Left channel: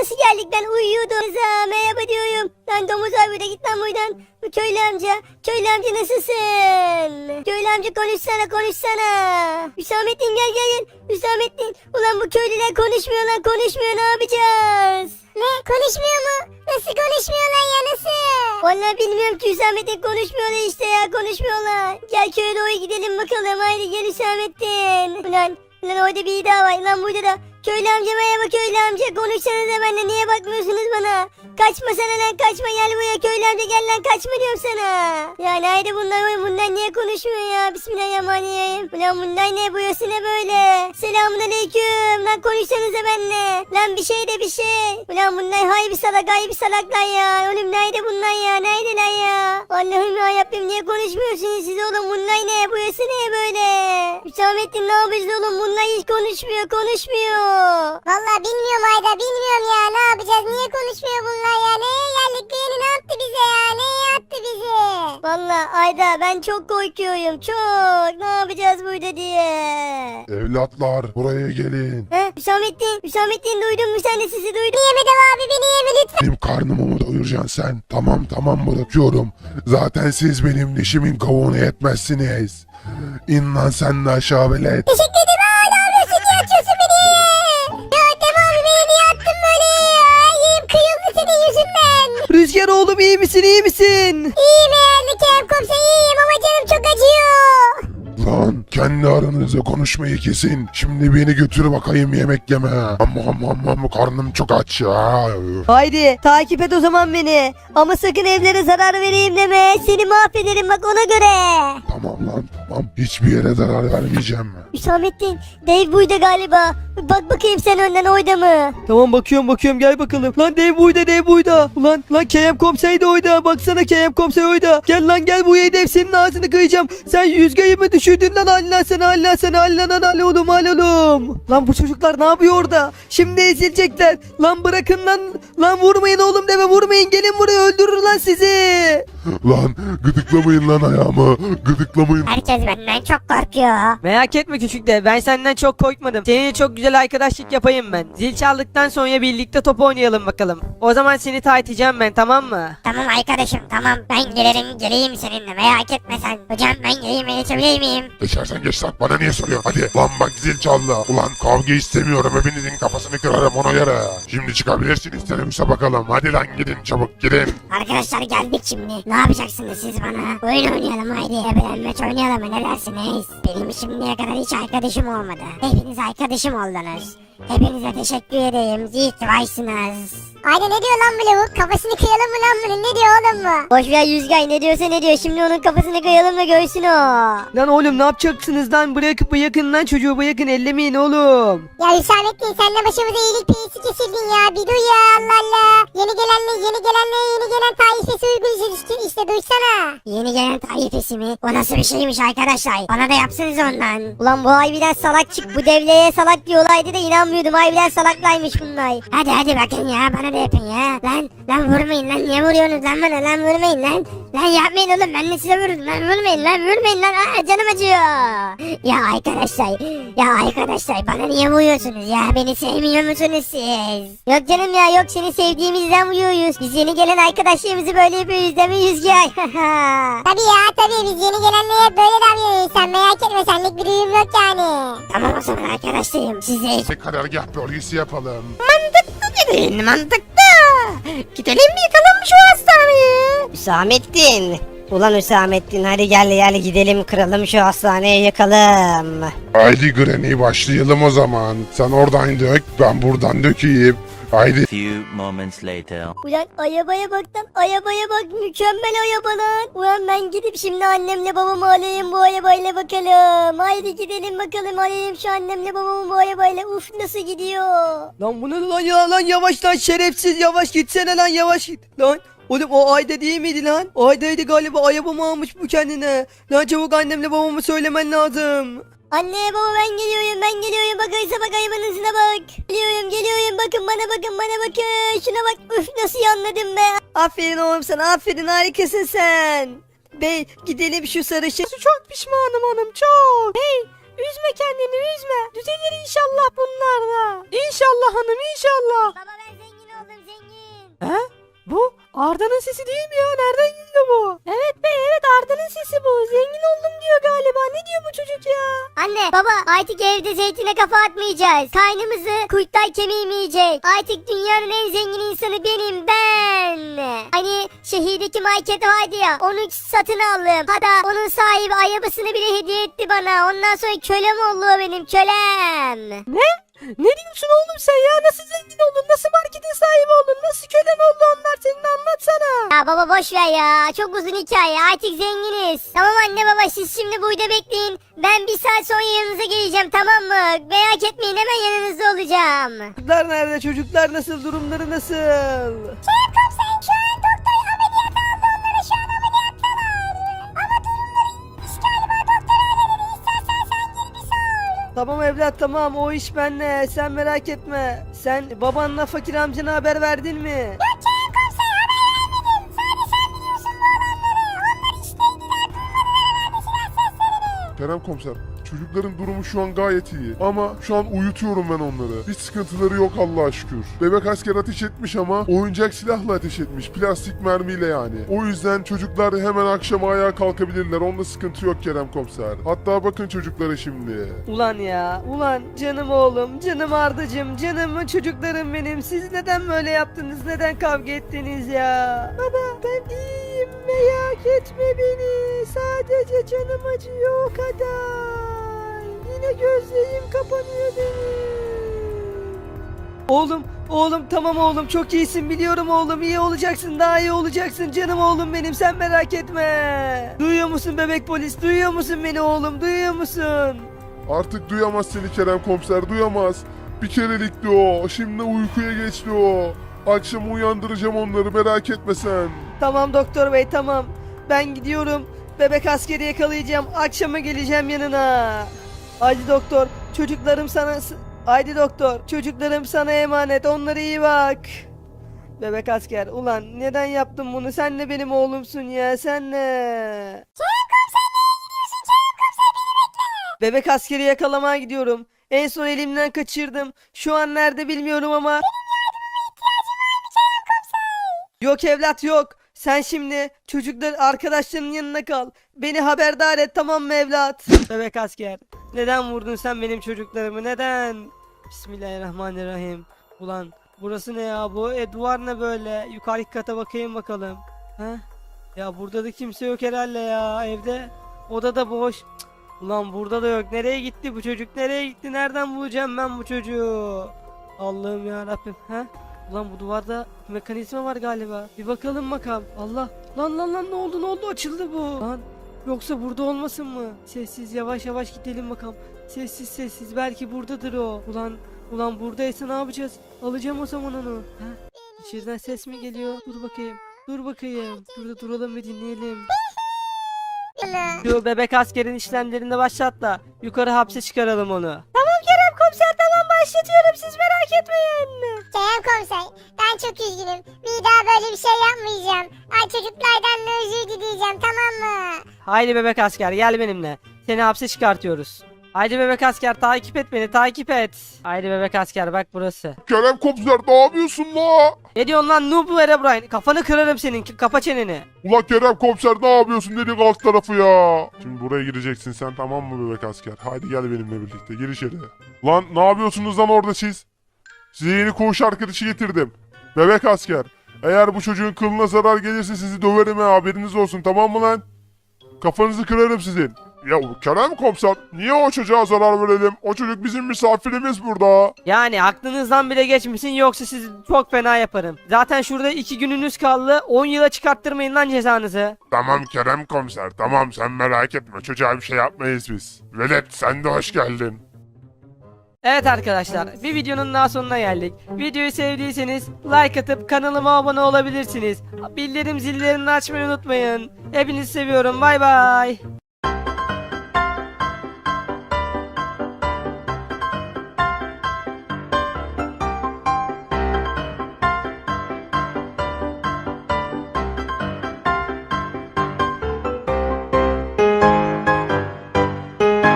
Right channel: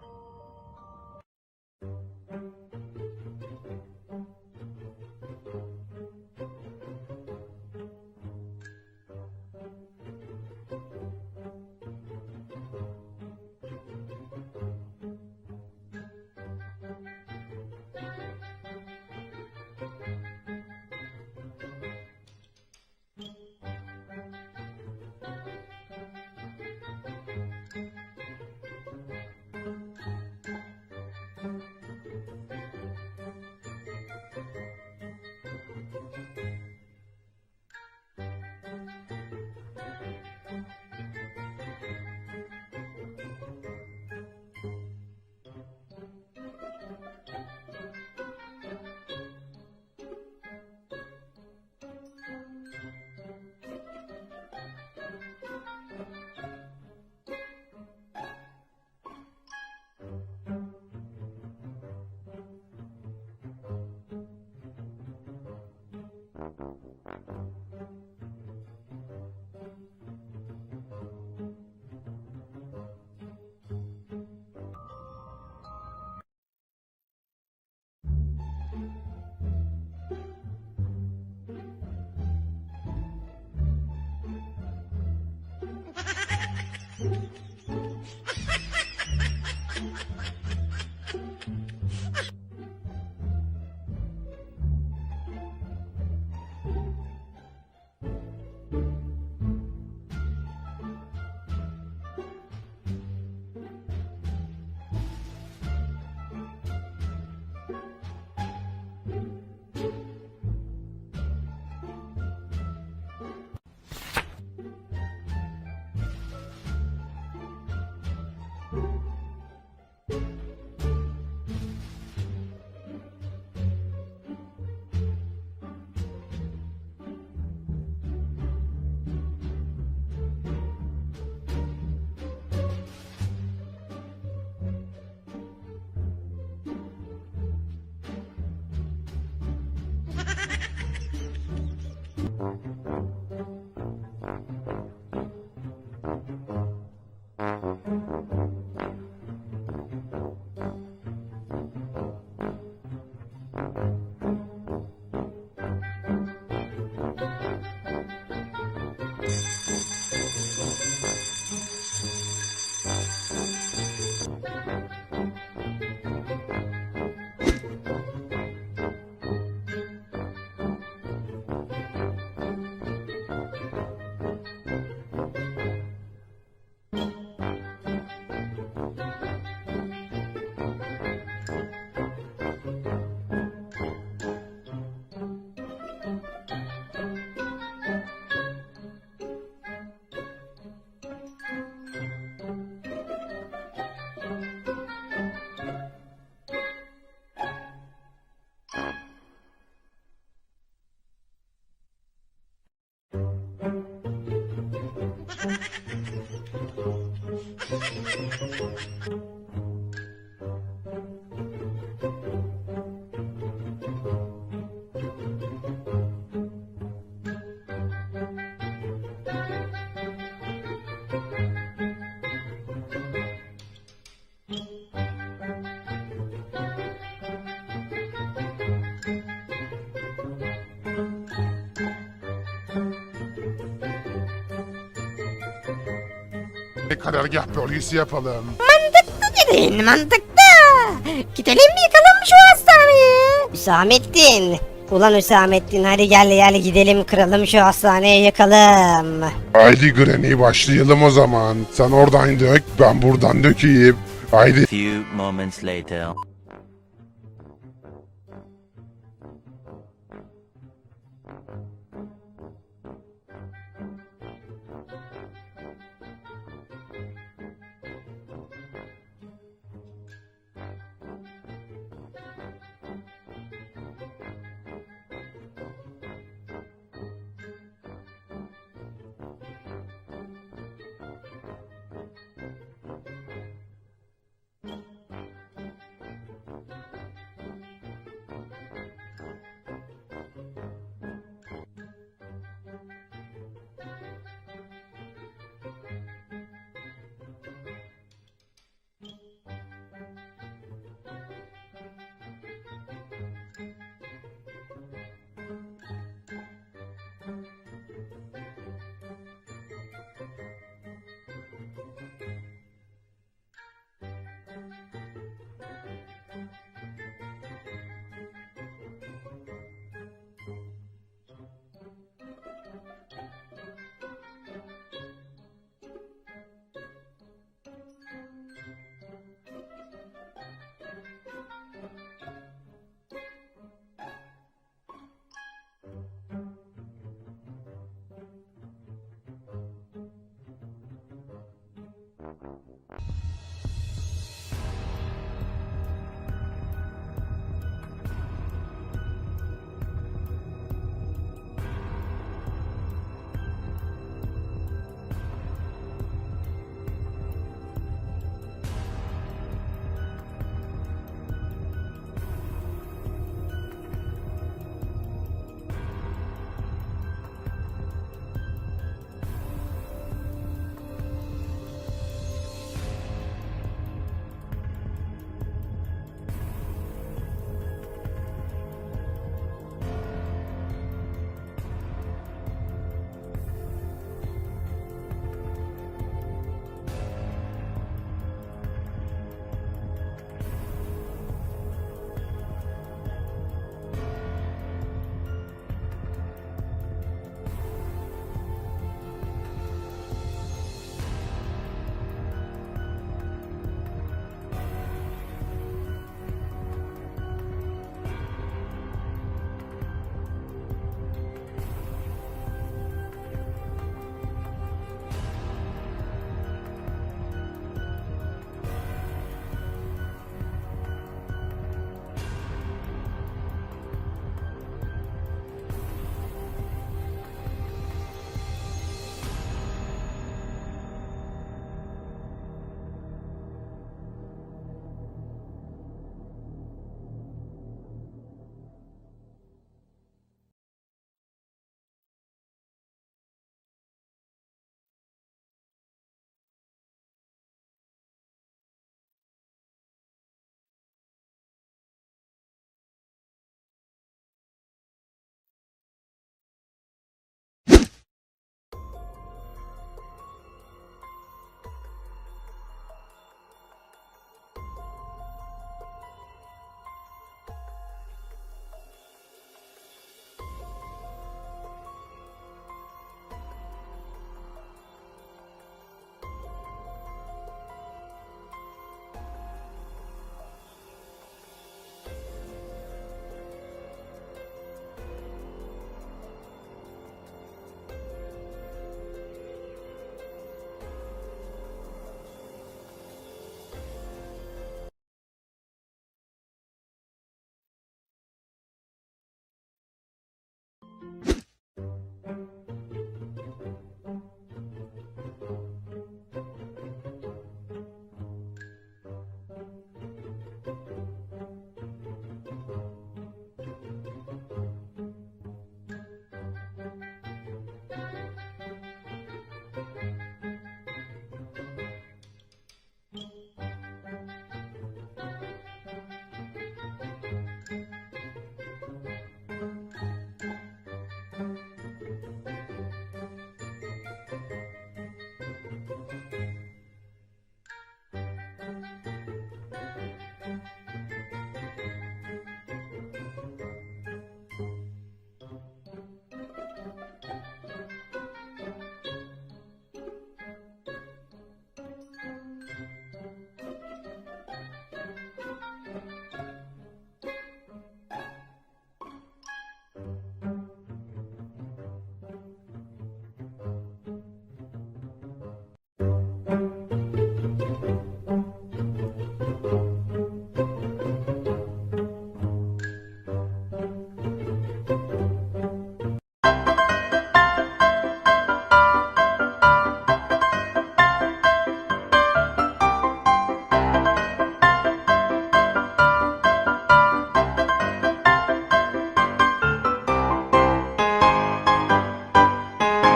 nasıl geldik ben uyuyordum. Rıza merhaba diyorum. Lan domuz abi burada git lan buradan. Bu köylü amca. Köylü amca nasılsın? Köylü amca konuşsana konuşsana. Hüsamettin gel gel gel. Hüsamettin. Ulan bu köylüler konuşmuyor lan konuşmuyor ne yapacağız? Ne konuşmuyor mu? Nasıl konuşmuyorlar ya nasıl? Vallahi bilmiyorum ki Hüsamettin konuşmuyorlar işte ya konuşmuyorlar. Gel köye doğru gidelim bakalım haydi gel Hüsamettin. Ulan Lan orada bir daha var. Lan burada da köylü amca merhaba köylü amca. Konuşsanıza benimle niye bakmıyorsunuz bana? Kaçma sana lan kaçma gel buraya köylü amca gel lan kaçma diyorum sana. Ya nerede bunlar bunlar niye konuşmuyor ya? Bismillahirrahmanirrahim. Ulan bunlar ne burası ne böyle? Selamun aleyküm. Lan konuşsanıza benimle. Lan bir şey de bir şey. Ulan bunlar hay bir salak hay bir salaklar ya. Oğlum nerede bunlar ya? Neredeler ya? Allah'ım ya Rabbim niye konuşmuyorsunuz siz oğlum? Bunlar ne? Burası ne böyle? Hüsamettin ne yapacağız oğlum? Bunlar hiç konuşmuyor konuşmuyor. Vallahi bilmiyorum Ayda bilmiyorum ya ne yapacağız niye konuşmuyor bunlar ya neye geldik bu yeni ne yaptı bize ya neye attı bizi? Vallahi Ayda ben çok korkuyorum çok. Ne yapacağız burada diye. Evlatlar buraya gelin. He Hüsamettin, Hüsamettin duydun mu sen de sizi duydum. Yemedim abi beni yeme lütfen. Benim karnımı mı doyuracaksın sen? Tamam tamam bırakıyorum. Zaten siz benim dişimin kavuğunu yetmezsiniz. İn lan sen de aşağı velet. Teşekkür ederim Rüzgar oğlum iyi misin iyi misin? İyiyim eğer Kerem komiser iyiyim ama canım çok acıyor. Lan kendi aranızda konuşmayı kesin. Şimdi beni götür bakayım yemek yeme. Amma amma amma amma, karnım çok aç ya. Haydi takip et o zaman beni. Ama sakın evlere zarar vereyim deme. Seni mahvederim bak ona göre. Tamam lan tamam. Hiçbir yere zarar vermeyeceğim. Hüsamettin, Dave buydu galiba. Bak bakayım sen önden oyda mı? Tamam bakıyorum bakıyorum gel bakalım. Lan dev buyda dev buyda. Ulan lan KM komiser de oyda. Baksana KM komiser oyda. Gel lan gel buraya dev senin ağzını kıyacağım. Sen yüzgeyi mi düşürdün lan Allah sana Allah sana Allah lan al oğlum al oğlum. Lan bu çocuklar ne yapıyor orada? Şimdi ezilecekler. Lan bırakın lan. Lan vurmayın oğlum deme vurmayın. Gelin buraya öldürür lan sizi. Lan gıdıklamayın lan ayağımı. Gıdıklamayın. Herkes benden çok korkuyor. Merak etme küçük de ben senden çok korkmadım. Seninle çok güzel arkadaşlık yapayım ben. Zil çaldıktan sonra birlikte top oynayalım bakalım. O zaman seni taytacağım ben tamam mı? Tamam arkadaşım tamam ben gelirim geleyim seninle merak etme sen. Hocam ben geleyim geçebilir miyim? Geçersen geç lan bana niye soruyorsun hadi. Lan bak zil çaldı. Ulan kavga istemiyorum hepinizin kafasını kırarım ona göre. Şimdi çıkabilirsiniz teneffüse bakalım. Hadi lan gidin çabuk gidin. Arkadaşlar geldik şimdi. Ne yapacaksınız siz bana? Oyun oynayalım haydi. Ebelenmeç oynayalım mı? Ne dersiniz? Benim şimdiye kadar hiç arkadaşım olmadı. Hepiniz arkadaşım oldunuz. Hepinize teşekkür edeyim. İyi ki varsınız. Ayda ne diyor lan bu lavuk? Kafasını kıyalım mı lan bunun? Ne diyor oğlum bu? Boş ver Yüzgay ne diyorsa ne diyor. Şimdi onun kafasını kıyalım da görsün o. Lan oğlum ne yapacaksınız lan? Bırakıp bırakın lan çocuğu bırakın ellemeyin oğlum. Ya Hüsamettin sen de başımıza iyilik peyisi kesildin ya. Bir duy ya Allah Allah. Yeni gelenle yeni gelenle yeni gelen taifesi uygun işte, işte duysana. Yeni gelen taifesi mi? O nasıl bir şeymiş arkadaşlar? Bana da yapsınız ondan. Ulan bu harbiden salak çık. Bu devleye salak diyorlardı da inanmıyordum. Harbiden salaklaymış bunlar. Hadi hadi bakın ya bana da yapın ya. Lan lan vurmayın lan niye vuruyorsunuz lan bana lan vurmayın lan. Lan yapmayın oğlum ben de size vururum lan vurmayın lan vurmayın lan Aa, canım acıyor. Ya arkadaşlar ya arkadaşlar bana niye vuruyorsunuz ya beni sevmiyor musunuz siz? Yok canım ya yok seni sevdiğimizden vuruyoruz. Biz yeni gelen arkadaşlarımızı böyle yapıyoruz değil mi Yüzgay? Tabii ya tabii biz yeni gelenlere böyle davranıyoruz sen merak etme senlik bir duyum yok yani. Tamam o zaman arkadaşlarım size Ne karargah bölgesi yapalım. Gidin mantıklı. Gidelim mi yıkalım şu hastaneyi? Hüsamettin. Ulan Hüsamettin hadi gel gel gidelim kıralım şu hastaneyi yakalım. Haydi Granny başlayalım o zaman. Sen oradan dök ben buradan dökeyim. Haydi. Few moments later. Ulan arabaya bak lan arabaya bak mükemmel araba lan. Ulan ben gidip şimdi annemle babamı alayım bu arabayla bakalım. Haydi gidelim bakalım alayım şu annemle babamı bu arabayla. Uf nasıl gidiyor. Lan bu ne lan ya lan yavaş lan şerefsiz yavaş gitsene lan yavaş git lan. Oğlum o Ayda değil miydi lan? Ayda'ydı galiba arabamı almış bu kendine. Lan çabuk annemle babamı söylemen lazım. Anne baba ben geliyorum ben geliyorum bak Aysa bak hayvanın hızına bak. Geliyorum geliyorum bakın bana bakın bana bakın. Şuna bak üf nasıl yanladım be. Aferin oğlum sana aferin harikasın sen. Bey gidelim şu sarışın. Çok pişmanım hanım çok. Hey üzme kendini üzme. Düzelir inşallah bunlar da. İnşallah hanım inşallah. Baba ben Arda'nın sesi değil mi ya? Nereden geliyor bu? Evet bey evet Arda'nın sesi bu. Zengin oldum diyor galiba. Ne diyor bu çocuk ya? Anne baba artık evde zeytine kafa atmayacağız. Kaynımızı kurtlar kemiğim yiyecek. Artık dünyanın en zengin insanı benim ben. Şehirdeki market vardı ya onu satın aldım. Hatta onun sahibi arabasını bile hediye etti bana. Ondan sonra kölem oldu benim kölem. Ne diyorsun oğlum sen ya? Nasıl zengin oldun? Nasıl marketin sahibi oldun? Nasıl kölen oldu onlar senin anlatsana. Ya baba boş ver ya. Çok uzun hikaye. Artık zenginiz. Tamam anne baba siz şimdi burada bekleyin. Ben bir saat sonra yanınıza geleceğim tamam mı? Merak etmeyin hemen yanınızda olacağım. Çocuklar nerede? Çocuklar nasıl? Durumları nasıl? Kerem Tamam evlat tamam o iş bende. Sen merak etme. Sen babanla fakir amcana haber verdin mi? Yok Kerem komiser haber vermedim. Sadece sen biliyorsun bu olanları. Onlar işteydiler duymadılar herhalde silah seslerini. Kerem komiser çocukların durumu şu an gayet iyi. Ama şu an uyutuyorum ben onları. Hiç sıkıntıları yok Allah'a şükür. Bebek asker ateş etmiş ama oyuncak silahla ateş etmiş. Plastik mermiyle yani. O yüzden çocuklar hemen akşam ayağa kalkabilirler. Onda sıkıntı yok Kerem komiser. Hatta bakın çocuklara şimdi. Ulan ya, ulan canım oğlum, canım Ardacığım, canım çocuklarım benim. Siz neden böyle yaptınız, neden kavga ettiniz ya? Baba ben iyiyim, merak etme beni. Sadece canım acıyor o kadar. Yine gözlerim kapanıyor benim. Oğlum, oğlum tamam oğlum çok iyisin biliyorum oğlum iyi olacaksın daha iyi olacaksın canım oğlum benim sen merak etme. Duyuyor musun bebek polis duyuyor musun beni oğlum duyuyor musun? Artık duyamaz seni Kerem komiser duyamaz. Bir kerelikti o. Şimdi uykuya geçti o. Akşam uyandıracağım onları merak etme sen. Tamam doktor bey tamam. Ben gidiyorum. Bebek askeri yakalayacağım. Akşama geleceğim yanına. Haydi doktor. Çocuklarım sana... Haydi doktor. Çocuklarım sana emanet. Onlara iyi bak. Bebek asker. Ulan neden yaptın bunu? Sen de benim oğlumsun ya. Sen ne? Bebek askeri yakalamaya gidiyorum. En son elimden kaçırdım. Şu an nerede bilmiyorum ama... Yok evlat yok. Sen şimdi çocuklar arkadaşlarının yanına kal. Beni haberdar et tamam mı evlat? Bebek asker. Neden vurdun sen benim çocuklarımı neden? Bismillahirrahmanirrahim. Ulan burası ne ya bu? E duvar ne böyle? Yukarı kata bakayım bakalım. Ha? Ya burada da kimse yok herhalde ya evde. Oda da boş. Cık, Ulan burada da yok. Nereye gitti bu çocuk? Nereye gitti? Nereden bulacağım ben bu çocuğu? Allah'ım ya Rabbim. Ha? Ulan bu duvarda mekanizma var galiba. Bir bakalım bakalım. Allah. Lan lan lan ne oldu ne oldu açıldı bu. Lan yoksa burada olmasın mı? Sessiz yavaş yavaş gidelim bakalım. Sessiz sessiz belki buradadır o. Ulan ulan buradaysa ne yapacağız? Alacağım o zaman onu. Ha? İçeriden ses mi geliyor? Dur bakayım. Dur bakayım. Burada duralım ve dinleyelim. Şu bebek askerin işlemlerini başlat da yukarı hapse çıkaralım onu. Tamam Kerem komiser tamam başlatıyorum siz merak etmeyin. Kerem komiser ben çok üzgünüm. Bir daha böyle bir şey yapmayacağım. Ay çocuklardan da özür dileyeceğim tamam mı? Haydi bebek asker gel benimle. Seni hapse çıkartıyoruz. Haydi bebek asker takip et beni takip et. Haydi bebek asker bak burası. Kerem komiser ne yapıyorsun la? Ne diyorsun lan noob Herobrine? Kafanı kırarım senin kapa çeneni. Ulan Kerem komiser ne yapıyorsun dedik alt tarafı ya. Şimdi buraya gireceksin sen tamam mı bebek asker? Hadi gel benimle birlikte gir içeri. Lan ne yapıyorsunuz lan orada siz? Size yeni koğuş arkadaşı getirdim. Bebek asker. Eğer bu çocuğun kılına zarar gelirse sizi döverim ha haberiniz olsun tamam mı lan? Kafanızı kırarım sizin. Ya Kerem komiser niye o çocuğa zarar verelim? O çocuk bizim misafirimiz burada. Yani aklınızdan bile geçmesin yoksa sizi çok fena yaparım. Zaten şurada iki gününüz kaldı. 10 yıla çıkarttırmayın lan cezanızı. Tamam Kerem komiser tamam sen merak etme çocuğa bir şey yapmayız biz. Velet sen de hoş geldin. Evet arkadaşlar bir videonun daha sonuna geldik. Videoyu sevdiyseniz like atıp kanalıma abone olabilirsiniz. Bildirim zillerini açmayı unutmayın. Hepinizi seviyorum bay bay.